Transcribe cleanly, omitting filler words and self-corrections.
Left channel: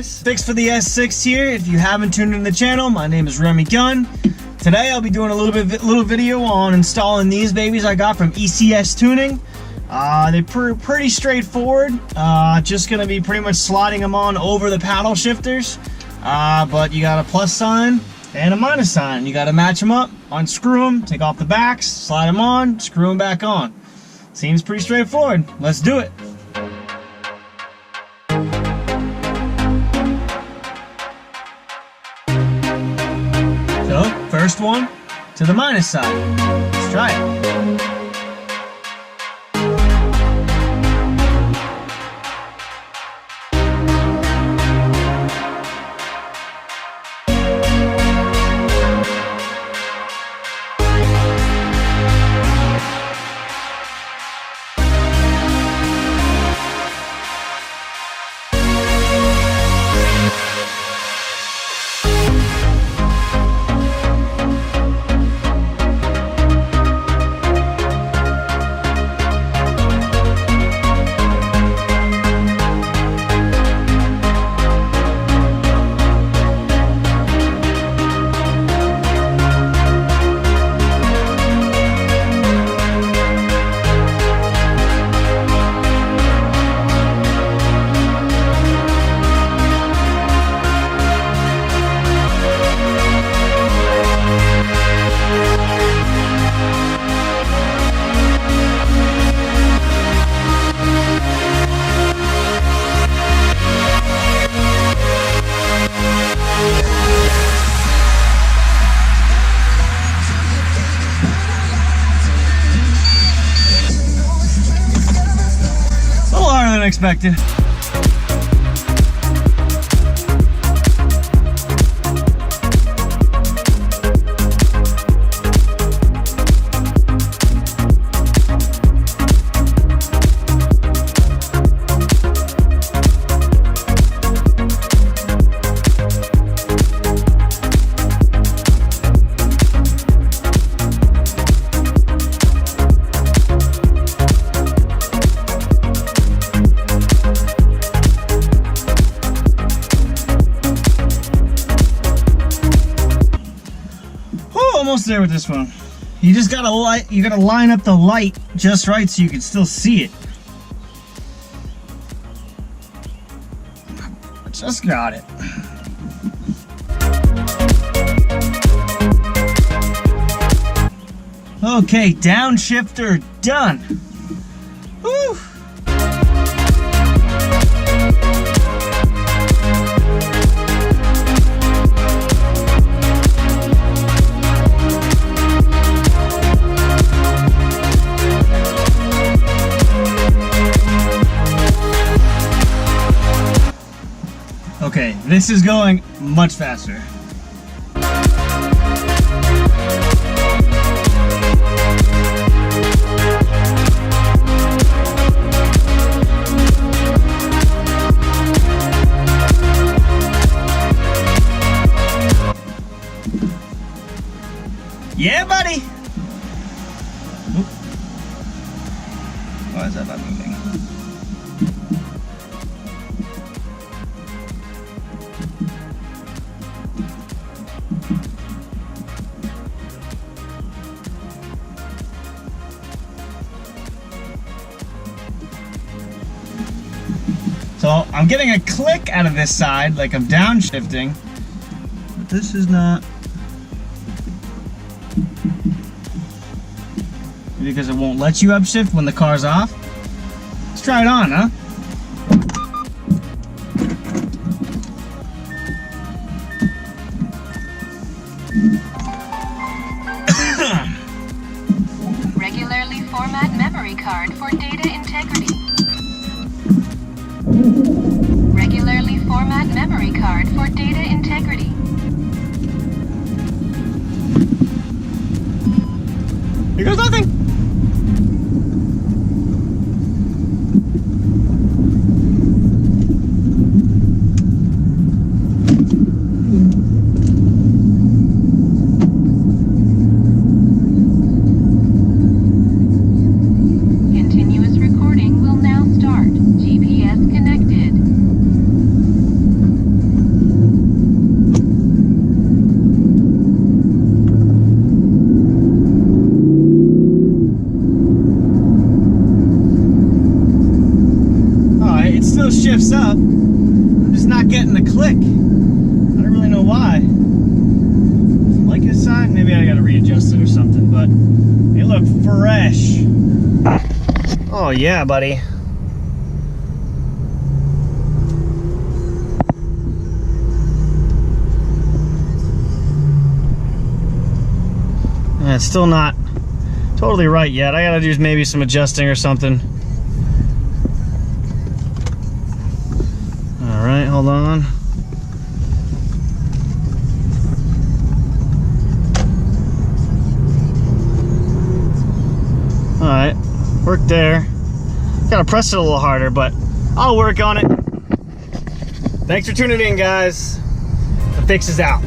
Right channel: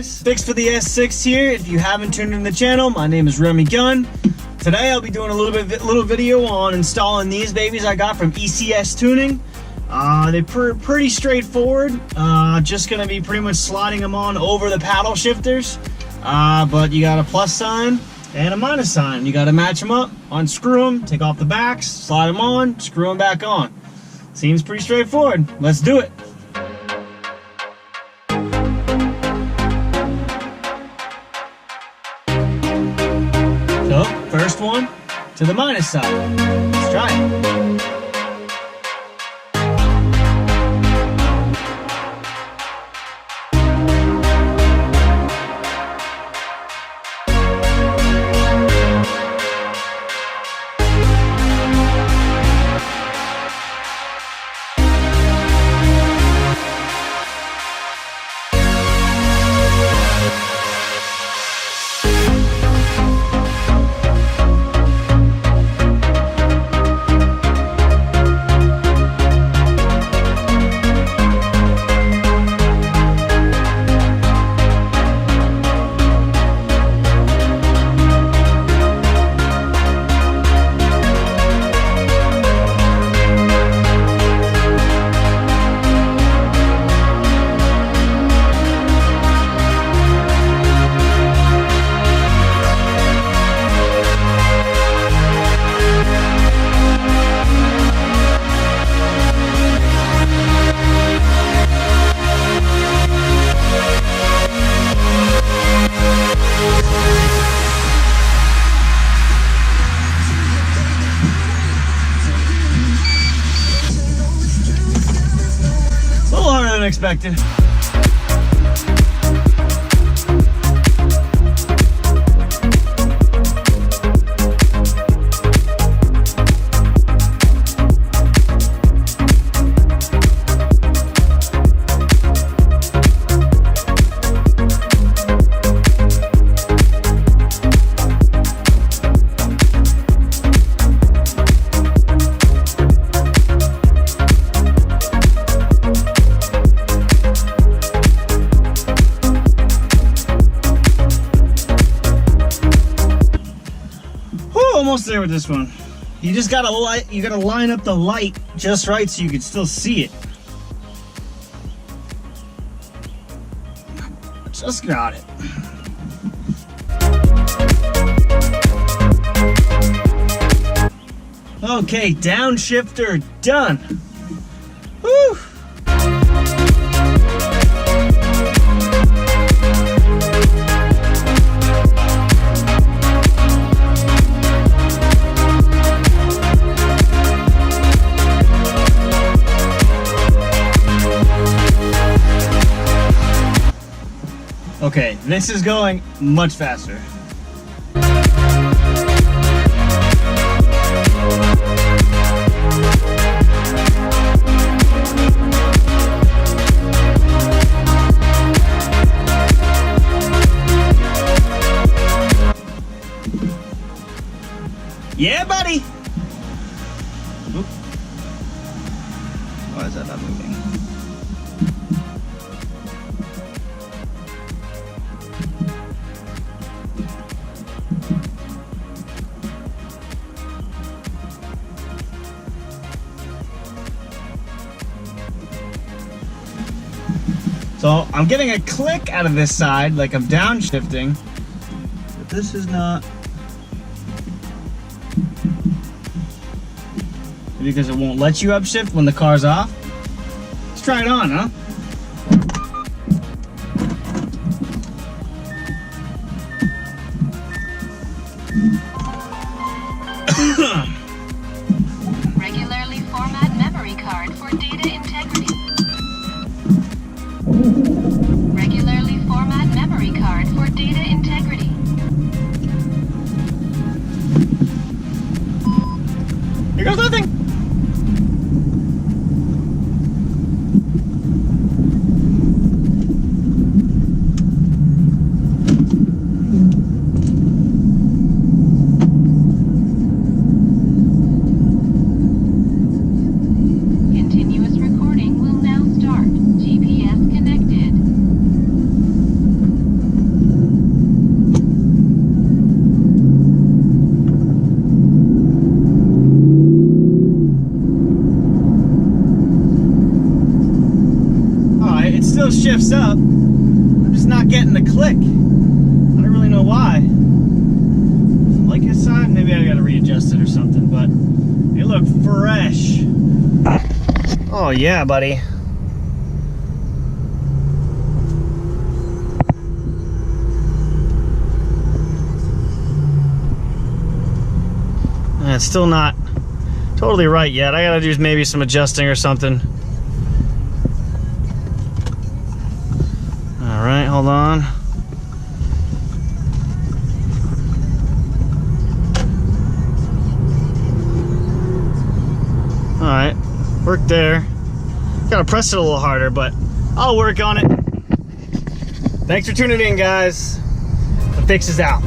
guys, Fix for the S6 here. If you haven't tuned in the channel, my name is Remy Gunn. Today I'll be doing a little video on installing these babies I got from ECS Tuning. They're pretty straightforward. Just gonna be pretty much sliding them on over the paddle shifters. But you got a plus sign and a minus sign. You gotta match them up, unscrew them, take off the backs, slide them on, screw them back on. Seems pretty straightforward. Let's do it. So, first one to the minus side. Let's try it. Expected. Almost there with this one. You just gotta line up the light just right so you can still see it. Just got it. Okay, downshifter done. Woo! Okay, this is going much faster. Yeah, buddy! Oop. Why is that not moving? So I'm getting a click out of this side, like I'm downshifting, but this is not, because it won't let you upshift when the car's off. Let's try it on, huh? Regularly format memory card for data integrity. Regularly format memory card for data integrity. Here goes nothing. Continuous recording will now start. GPS connected. still shifts up. I'm just not getting the click. I don't really know why. Does it like this side? Maybe I gotta readjust it or something, but it looked fresh. Oh yeah, buddy. And it's still not totally right yet. I gotta do maybe some adjusting or something. All right, hold on. All right, work there. Gotta press it a little harder, but I'll work on it. Thanks for tuning in, guys. The fix is out.